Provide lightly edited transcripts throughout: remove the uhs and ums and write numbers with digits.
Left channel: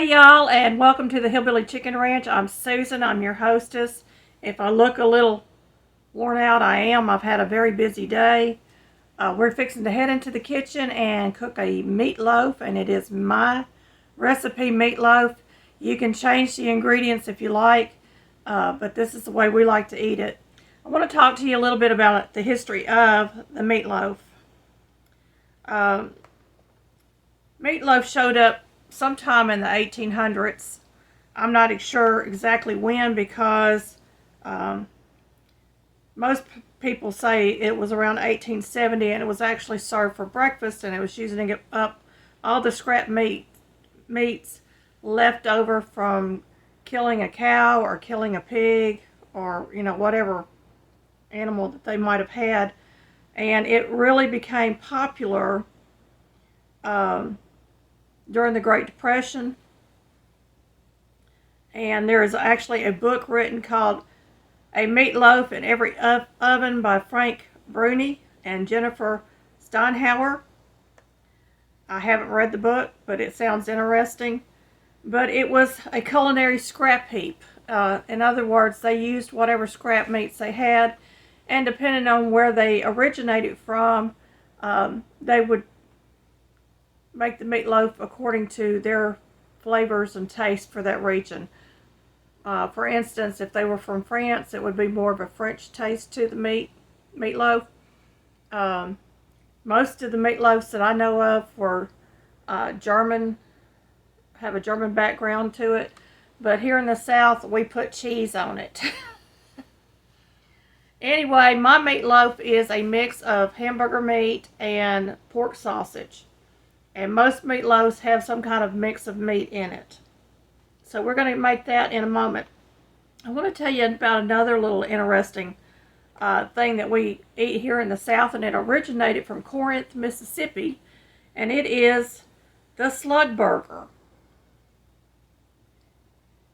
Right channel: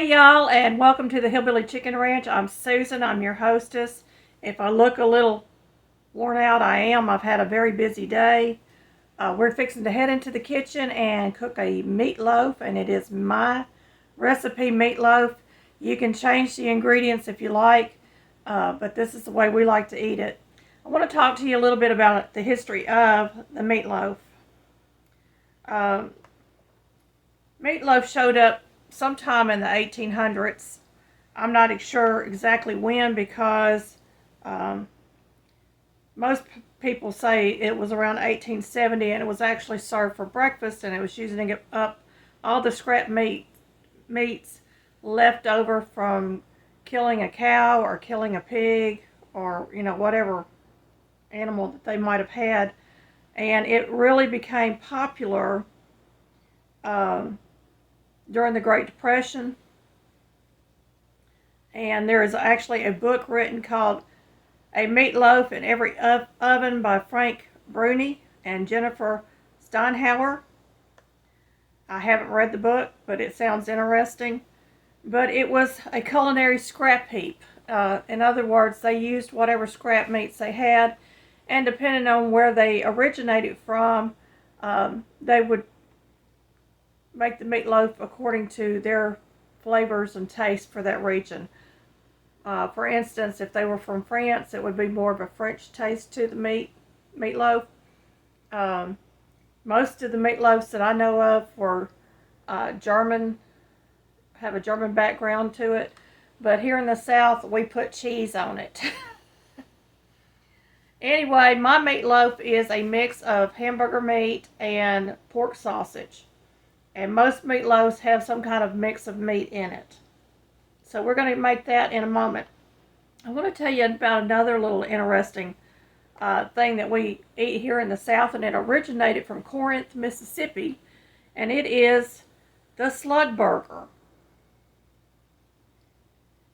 Hey y'all, and welcome to the Hillbilly Chicken Ranch. I'm Susan, I'm your hostess. If I look a little worn out, I am. I've had a very busy day. We're fixing to head into the kitchen and cook a meatloaf, and it is my recipe meatloaf. You can change the ingredients if you like, but this is the way we like to eat it. I want to talk to you a little bit about the history of the meatloaf. Meatloaf showed up sometime in the 1800s. I'm not sure exactly when because most people say it was around 1870, and it was actually served for breakfast, and it was using up all the scrap meats left over from killing a cow or killing a pig or whatever animal that they might have had. And it really became popular during the Great Depression. And there is actually a book written called A Meatloaf in Every Oven by Frank Bruni and Jennifer Steinhauer. I haven't read the book, but it sounds interesting. But it was a culinary scrap heap. In other words, they used whatever scrap meats they had, and depending on where they originated from, they would make the meatloaf according to their flavors and taste for that region. For instance, if they were from France, it would be more of a French taste to the meatloaf. Most of the meatloafs that I know of were German, have a German background to it, but here in the South we put cheese on it. Anyway, my meatloaf is a mix of hamburger meat and pork sausage. And most meatloaves have some kind of mix of meat in it. So we're going to make that in a moment. I want to tell you about another little interesting thing that we eat here in the South, and it originated from Corinth, Mississippi, and it is the slug burger.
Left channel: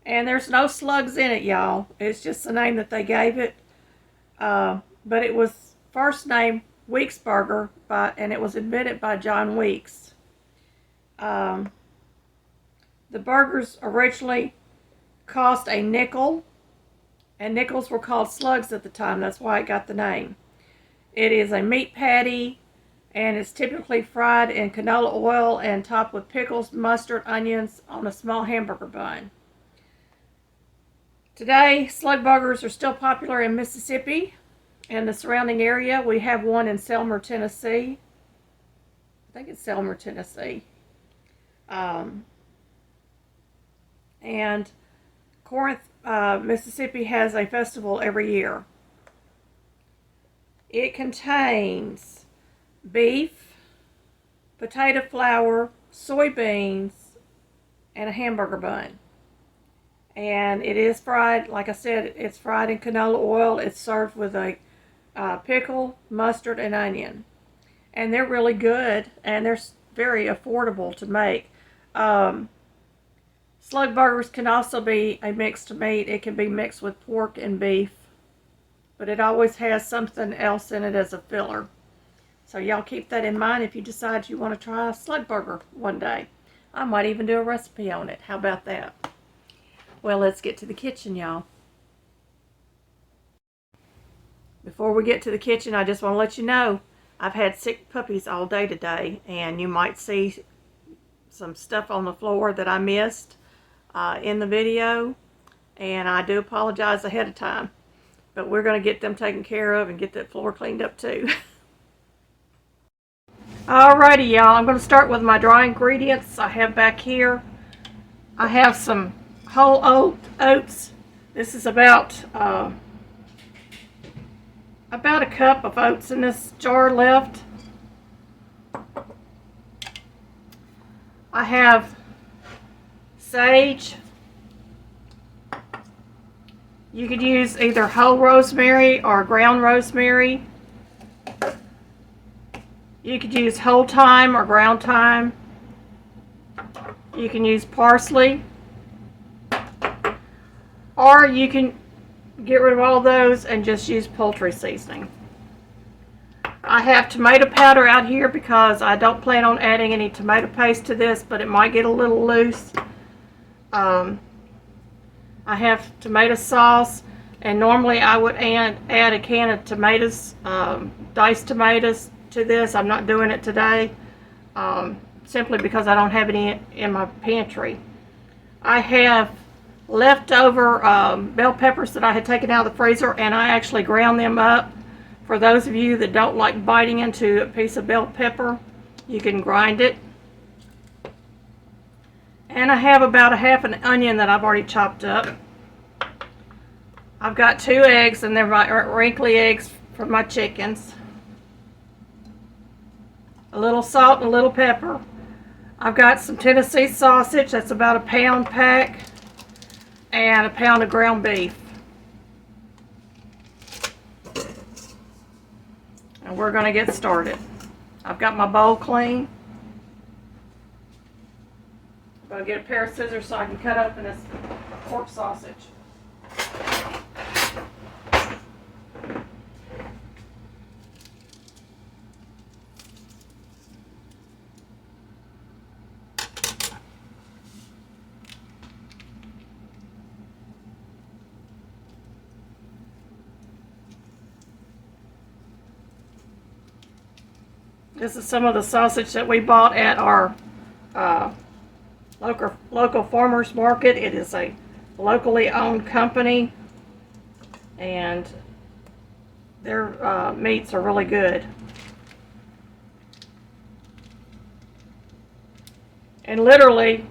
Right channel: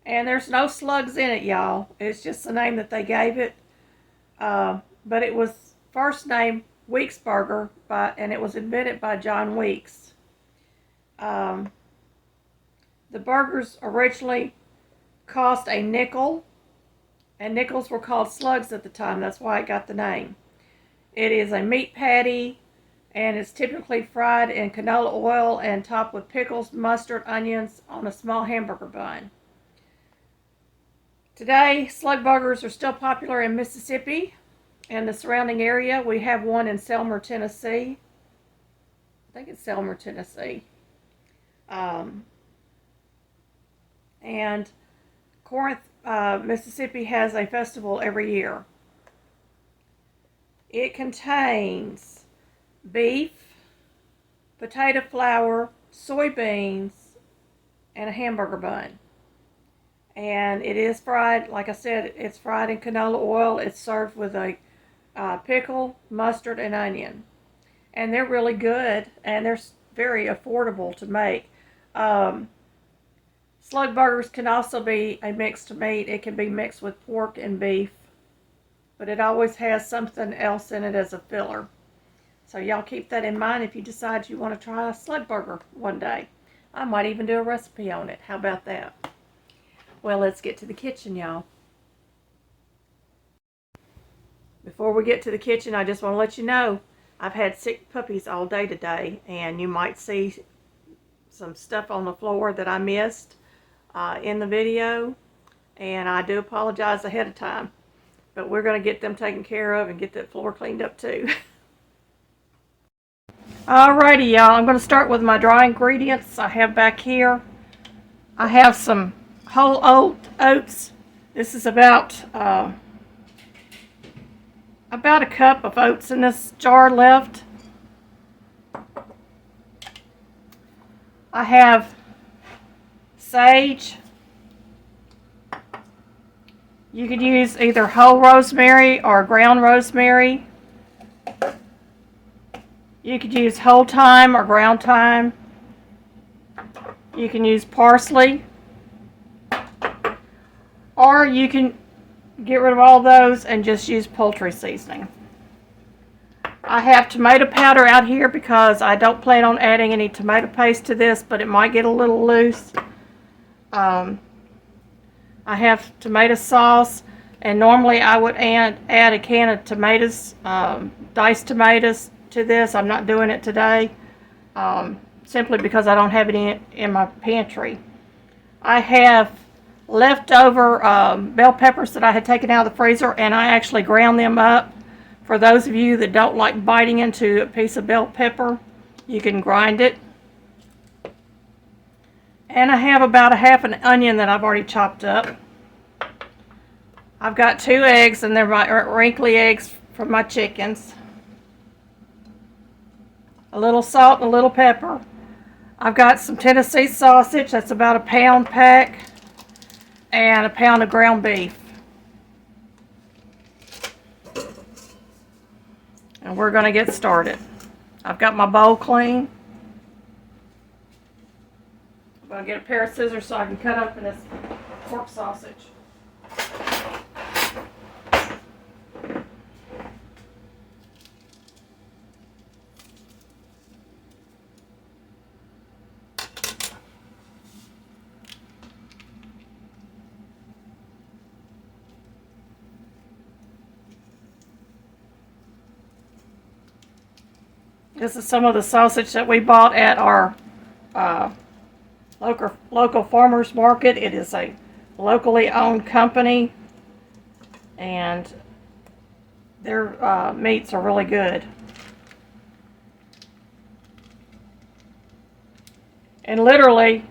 And there's no slugs in it, y'all. It's just the name that they gave it. But it was first named Weeks Burger, and it was invented by John Weeks. The burgers originally cost a nickel, and nickels were called slugs at the time. That's why it got the name. It is a meat patty, and it's typically fried in canola oil and topped with pickles, mustard, onions on a small hamburger bun. Today, slug burgers are still popular in Mississippi and the surrounding area. We have one in Selmer, Tennessee. I think it's Selmer, Tennessee. And Corinth, Mississippi has a festival every year. It contains beef, potato flour, soybeans, and a hamburger bun. And it is fried, like I said, it's fried in canola oil. It's served with a pickle, mustard, and onion. And they're really good, and they're very affordable to make. Slug burgers can also be a mixed meat. It can be mixed with pork and beef, but it always has something else in it as a filler. So y'all keep that in mind if you decide you want to try a slug burger one day. I might even do a recipe on it. How about that? Well, let's get to the kitchen, y'all. Before we get to the kitchen, I just want to let you know I've had sick puppies all day today, and you might see some stuff on the floor that I missed in the video, and I do apologize ahead of time, but we're going to get them taken care of and get that floor cleaned up too. Alrighty, y'all, I'm going to start with my dry ingredients I have back here. I have some whole oats. This is about a cup of oats in this jar left. I have sage. You could use either whole rosemary or ground rosemary. You could use whole thyme or ground thyme. You can use parsley. Or you can get rid of all those and just use poultry seasoning. I have tomato powder out here because I don't plan on adding any tomato paste to this, but it might get a little loose. I have tomato sauce, and normally I would add a can of tomatoes, diced tomatoes to this. I'm not doing it today, simply because I don't have any in my pantry. I have leftover bell peppers that I had taken out of the freezer, and I actually ground them up. For those of you that don't like biting into a piece of bell pepper, you can grind it. And I have about a half an onion that I've already chopped up. I've got 2 eggs, and they're my wrinkly eggs from my chickens. A little salt and a little pepper. I've got some Tennessee sausage, that's about a pound pack, and a pound of ground beef. And we're going to get started. I've got my bowl clean. I'm going to get a pair of scissors so I can cut open this pork sausage. This is some of the sausage that we bought at our local farmers market. It is a locally owned company, and their meats are really good. And literally,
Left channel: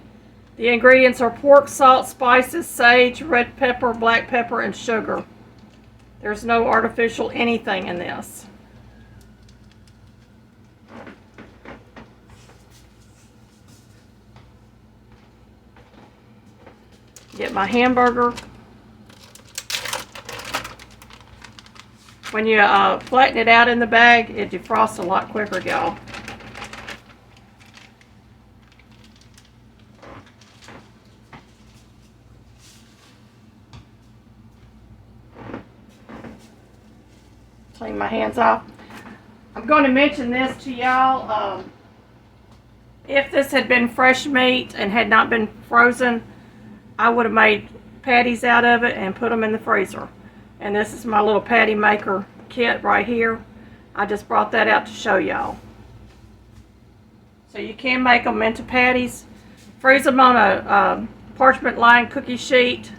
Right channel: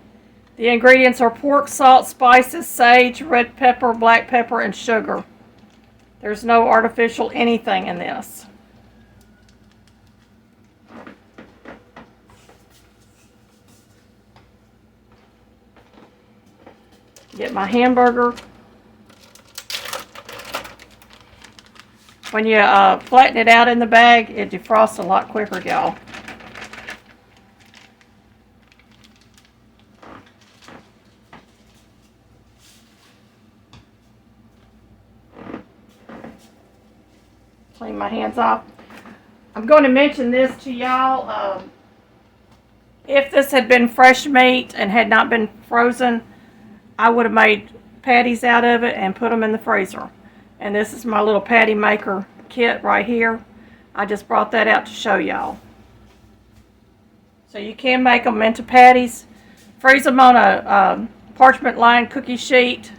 the ingredients are pork, salt, spices, sage, red pepper, black pepper, and sugar. There's no artificial anything in this. Get my hamburger. When you flatten it out in the bag, it defrosts a lot quicker, y'all. Clean my hands off. I'm going to mention this to y'all. If this had been fresh meat and had not been frozen, I would have made patties out of it and put them in the freezer. And this is my little patty maker kit right here. I just brought that out to show y'all. So you can make them into patties. Freeze them on a parchment lined cookie sheet.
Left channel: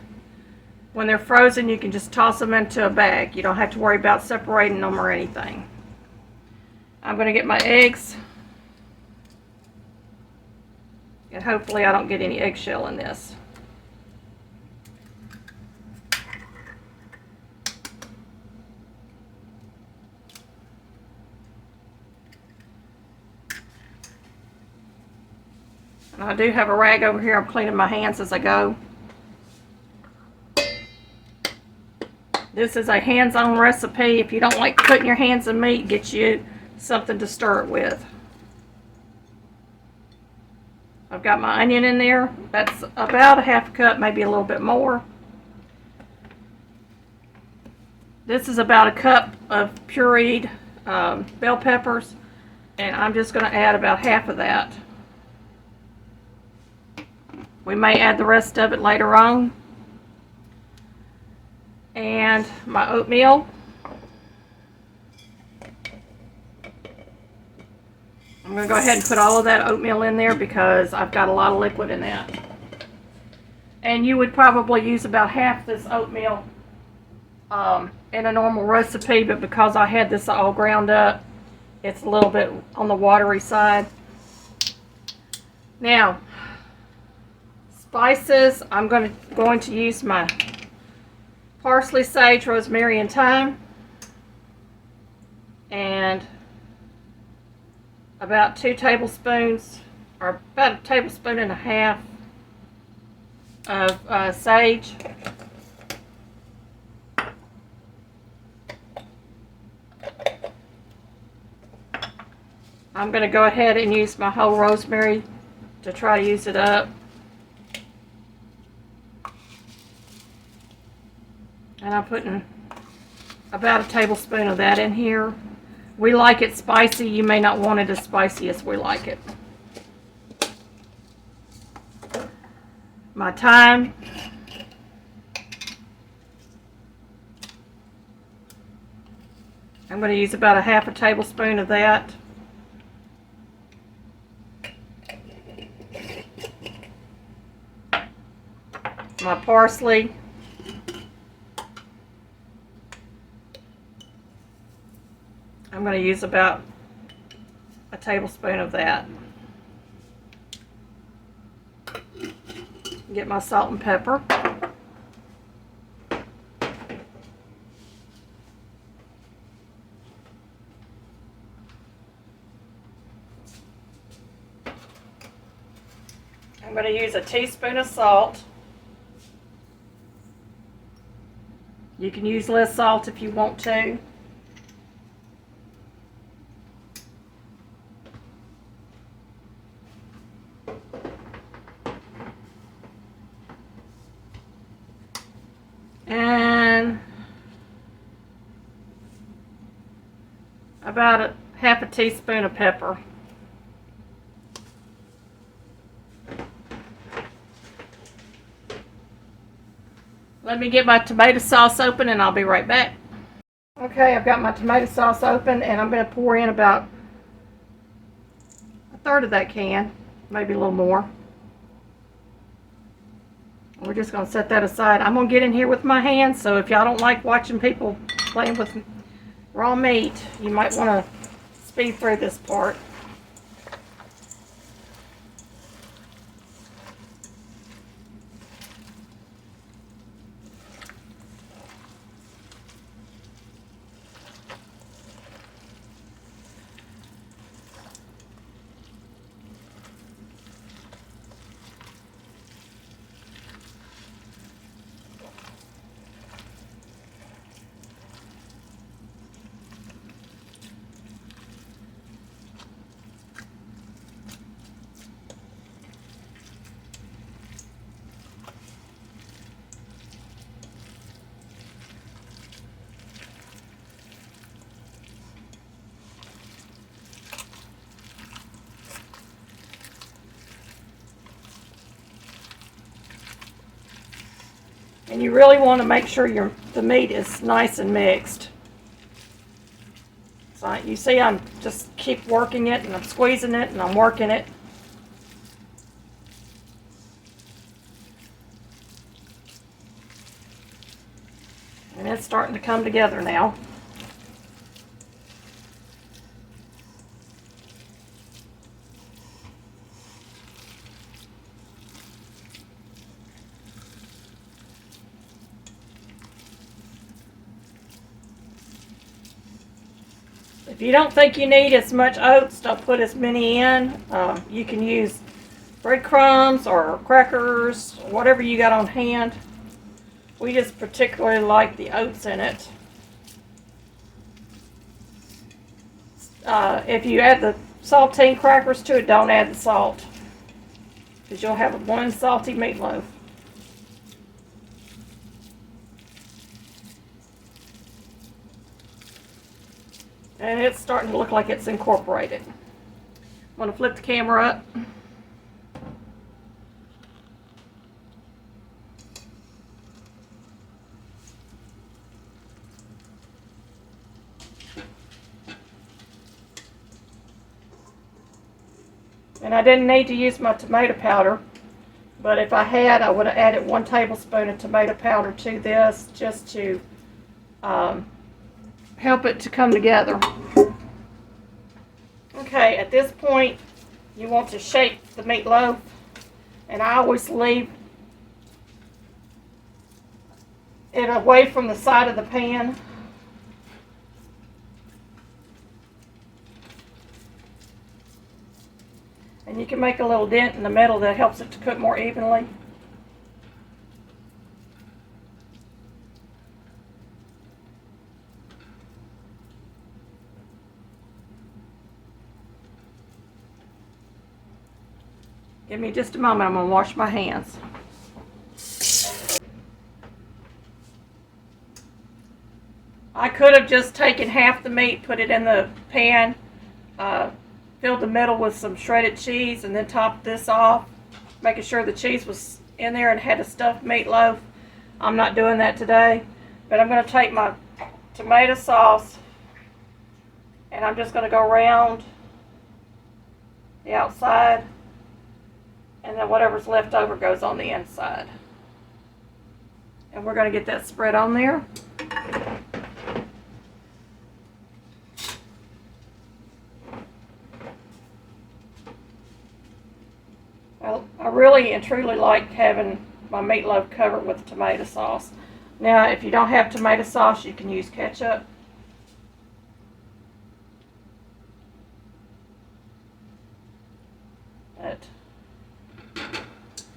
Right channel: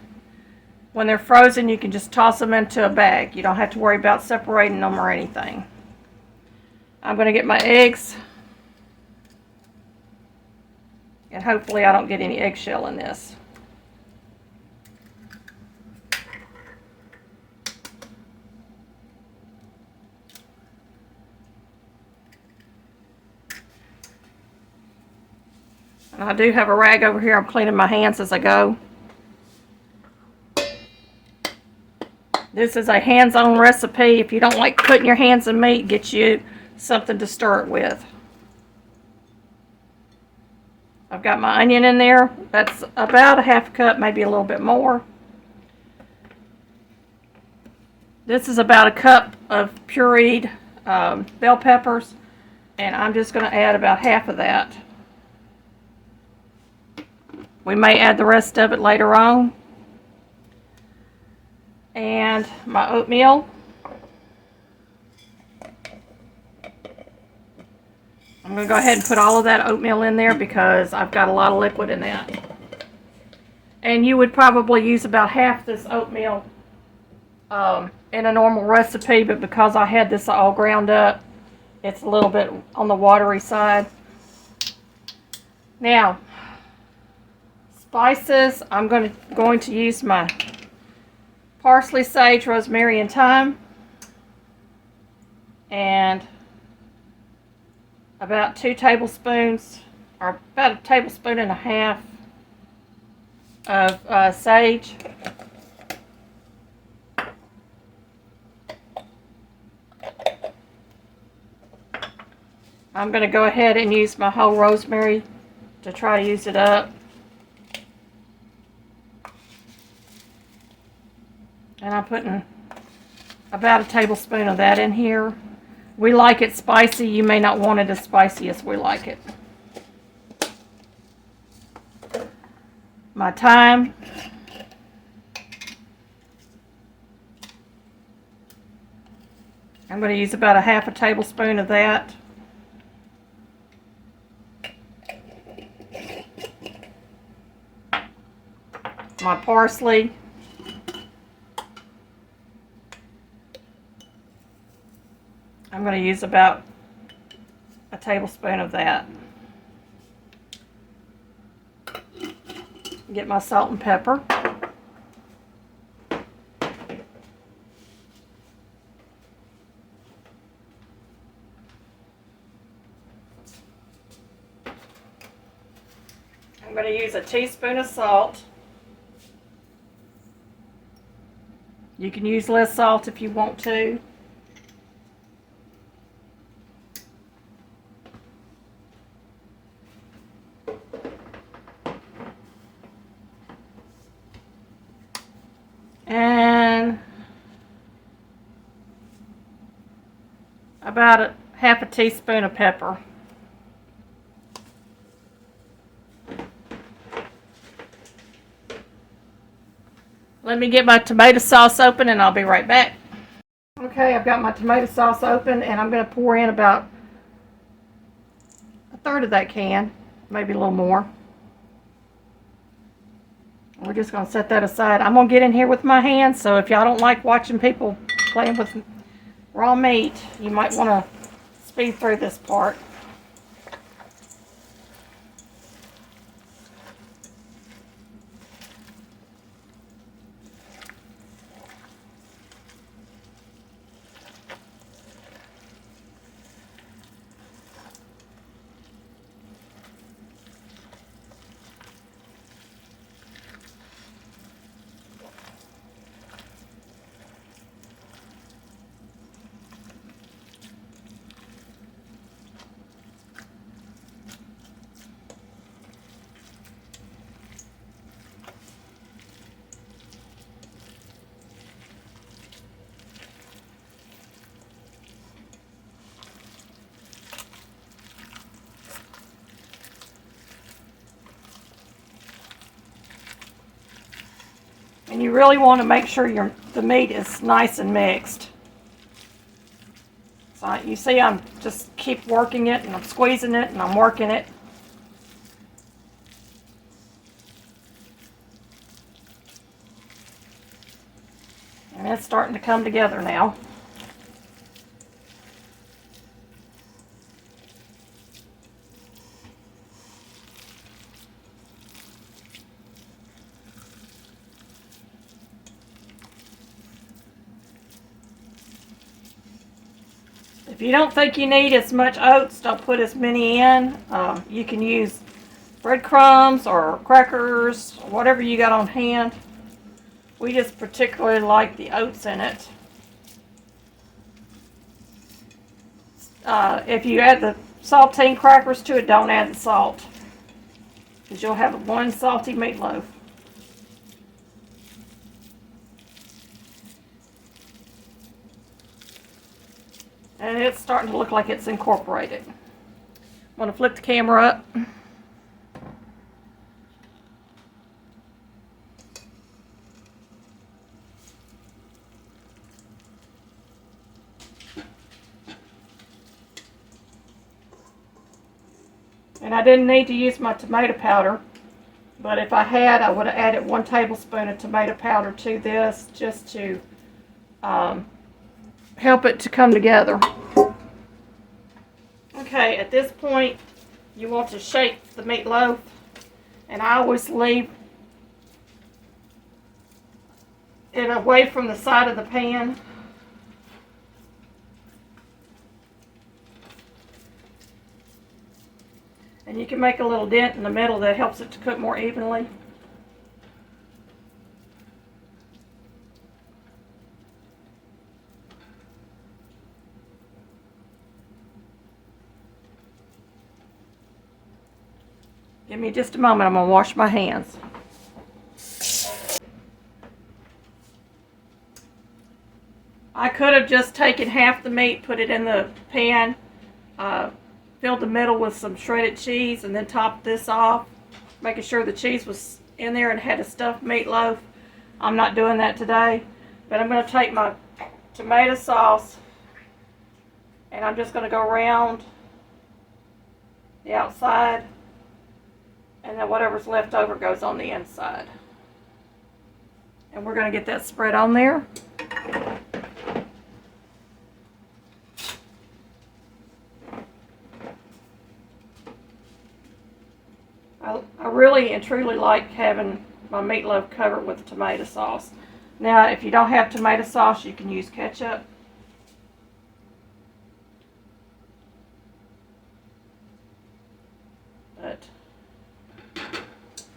When they're frozen, you can just toss them into a bag. You don't have to worry about separating them or anything. I'm going to get my eggs. And hopefully I don't get any eggshell in this. And I do have a rag over here. I'm cleaning my hands as I go. This is a hands-on recipe. If you don't like putting your hands in meat, get you something to stir it with. I've got my onion in there. That's about a half cup, maybe a little bit more. This is about a cup of pureed bell peppers, and I'm just going to add about half of that. We may add the rest of it later on. And my oatmeal. I'm going to go ahead and put all of that oatmeal in there because I've got a lot of liquid in that. And you would probably use about half this oatmeal in a normal recipe, but because I had this all ground up, it's a little bit on the watery side. Now, spices, I'm going to use my parsley, sage, rosemary, and thyme, and about 2 tablespoons, or about a tablespoon and a half of sage. I'm going to go ahead and use my whole rosemary to try to use it up. And I'm putting about a tablespoon of that in here. We like it spicy. You may not want it as spicy as we like it. my thyme. I'm going to use about a half a tablespoon of that. My parsley. I'm going to use about a tablespoon of that. Get my salt and pepper. I'm going to use a teaspoon of salt. You can use less salt if you want to. And about a half a teaspoon of pepper. Let me get my tomato sauce open and I'll be right back. Okay, I've got my tomato sauce open and I'm going to pour in about a third of that can, maybe a little more. We're just going to set that aside. I'm going to get in here with my hands, so if y'all don't like watching people playing with raw meat, you might want to speed through this part. And you really want to make sure the meat is nice and mixed. So you see I'm just keep working it and I'm squeezing it and I'm working it. And it's starting to come together now. If you don't think you need as much oats, don't put as many in. You can use breadcrumbs or crackers, whatever you got on hand. We just particularly like the oats in it. If you add the saltine crackers to it, don't add the salt, because you'll have one salty meatloaf. And it's starting to look like it's incorporated. I'm going to flip the camera up. And I didn't need to use my tomato powder, but if I had, I would have added 1 tablespoon of tomato powder to this just to help it to come together. Okay, at this point, you want to shake the meatloaf, and I always leave it away from the side of the pan. And you can make a little dent in the middle that helps it to cook more evenly. Give me just a moment, I'm going to wash my hands. I could have just taken half the meat, put it in the pan, filled the middle with some shredded cheese, and then topped this off, making sure the cheese was in there and had a stuffed meatloaf. I'm not doing that today, but I'm going to take my tomato sauce and I'm just going to go around the outside, and then whatever's left over goes on the inside. And we're going to get that spread on there. I really and truly like having my meatloaf covered with tomato sauce. Now, if you don't have tomato sauce, you can use ketchup. But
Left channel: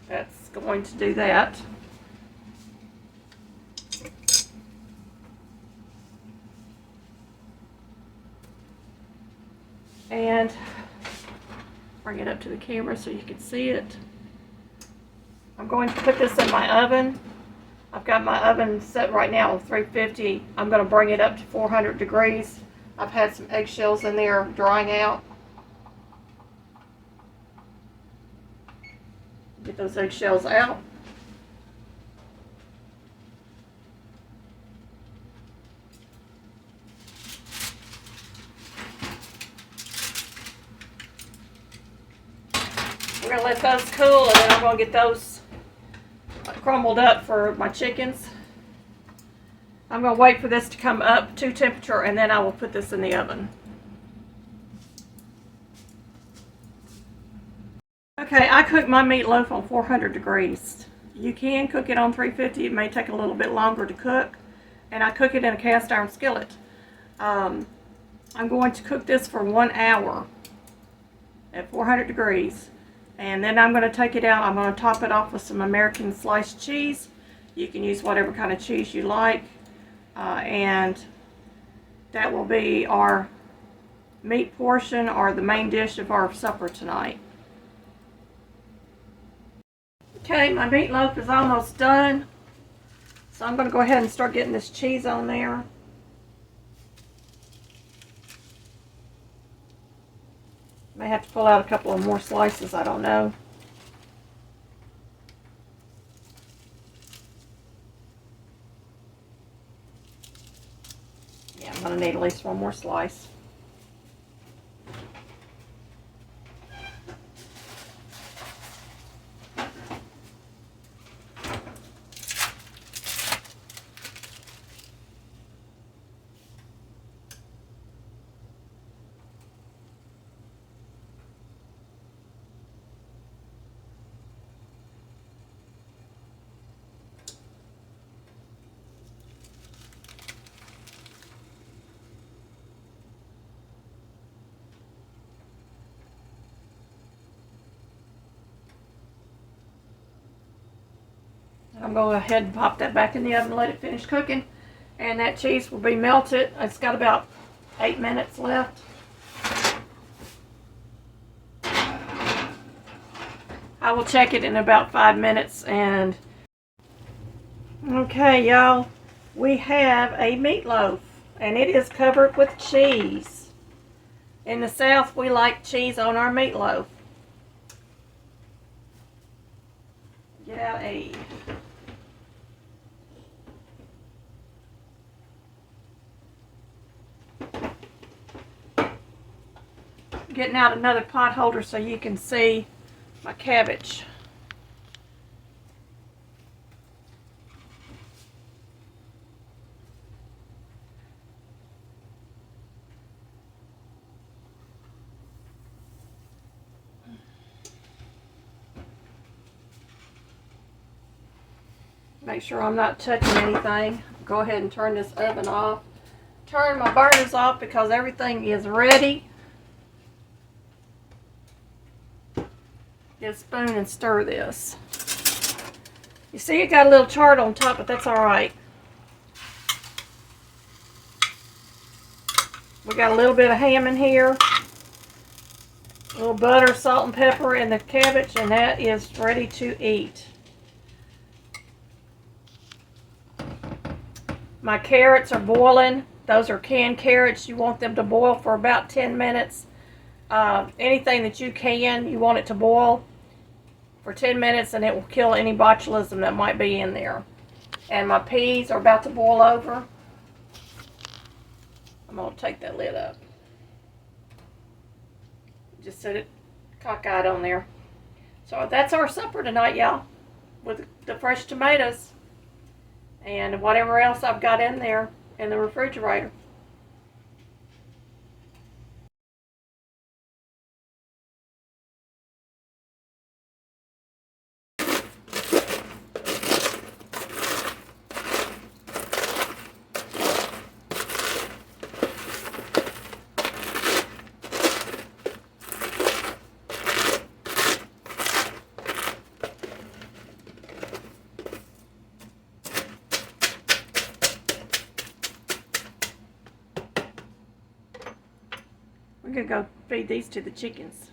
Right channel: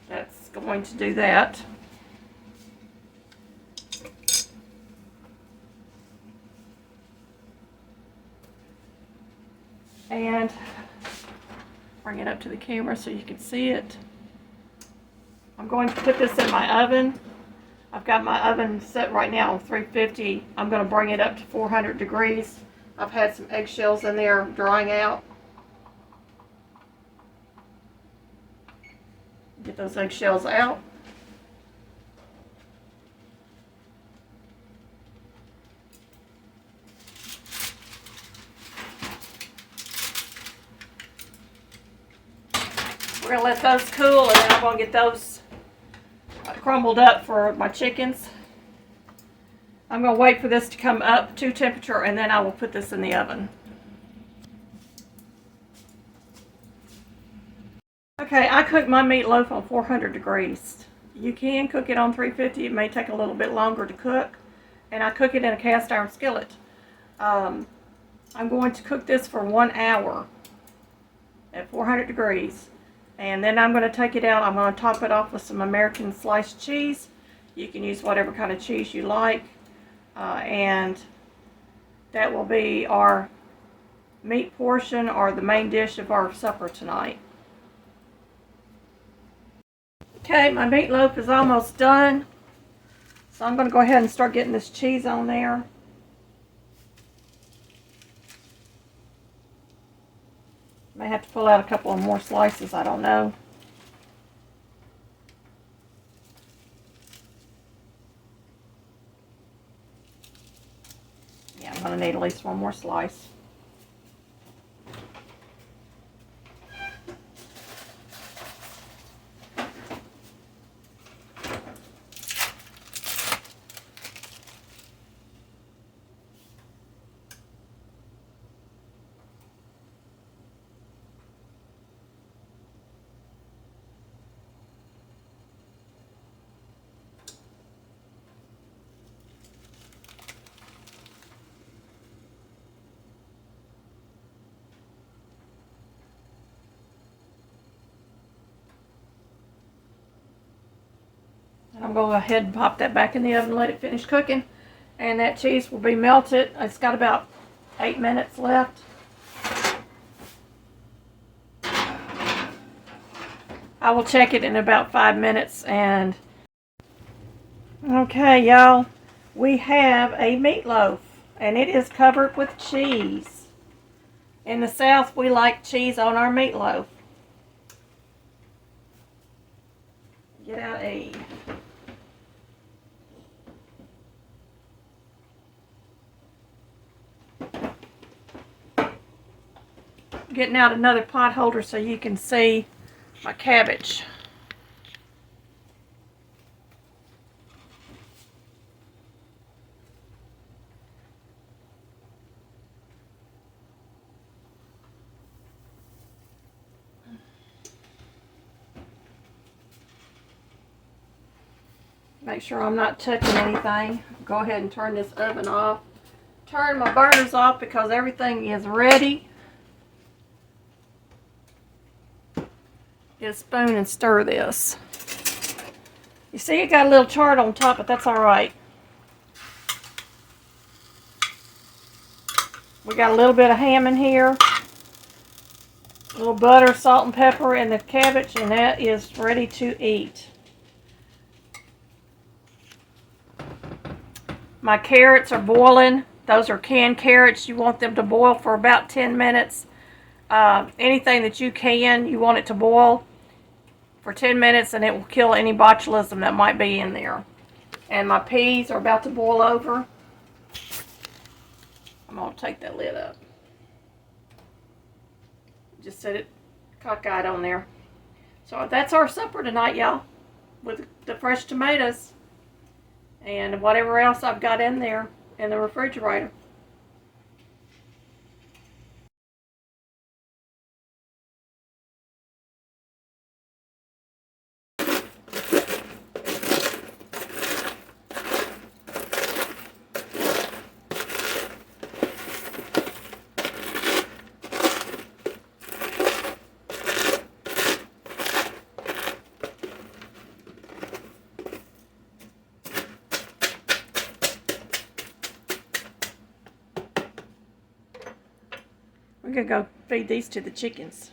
that's going to do that. And bring it up to the camera so you can see it. I'm going to put this in my oven. I've got my oven set right now on 350. I'm going to bring it up to 400 degrees. I've had some eggshells in there drying out. Get those eggshells out. We're going to let those cool, and then I'm going to get those crumbled up for my chickens. I'm going to wait for this to come up to temperature, and then I will put this in the oven. Okay, I cooked my meatloaf on 400 degrees. You can cook it on 350. It may take a little bit longer to cook. And I cook it in a cast iron skillet. I'm going to cook this for 1 hour at 400 degrees. And then I'm going to take it out. I'm going to top it off with some American sliced cheese. You can use whatever kind of cheese you like. And that will be our meat portion or the main dish of our supper tonight. Okay, my meatloaf is almost done. So I'm going to go ahead and start getting this cheese on there. May have to pull out a couple of more slices, I don't know. Yeah, I'm going to need at least one more slice. I'm going to go ahead and pop that back in the oven and let it finish cooking. And that cheese will be melted. It's got about 8 minutes left. I will check it in about 5 minutes. And okay, y'all, we have a meatloaf. And it is covered with cheese. In the South, we like cheese on our meatloaf. Get out a... Getting out another pot holder so you can see my cabbage. Make sure I'm not touching anything. Go ahead and turn this oven off. Turn my burners off because everything is ready. Get a spoon and stir this. You see it got a little chart on top, but that's alright. We got a little bit of ham in here. A little butter, salt, and pepper in the cabbage, and that is ready to eat. My carrots are boiling. Those are canned carrots. You want them to boil for about 10 minutes. Anything that you want it to boil. for 10 minutes, and it will kill any botulism that might be in there. And my peas are about to boil over. I'm going to take that lid up. Just set it cockeyed on there. So that's our supper tonight, y'all, with the fresh tomatoes and whatever else I've got in there in the refrigerator. We're going to go feed these to the chickens.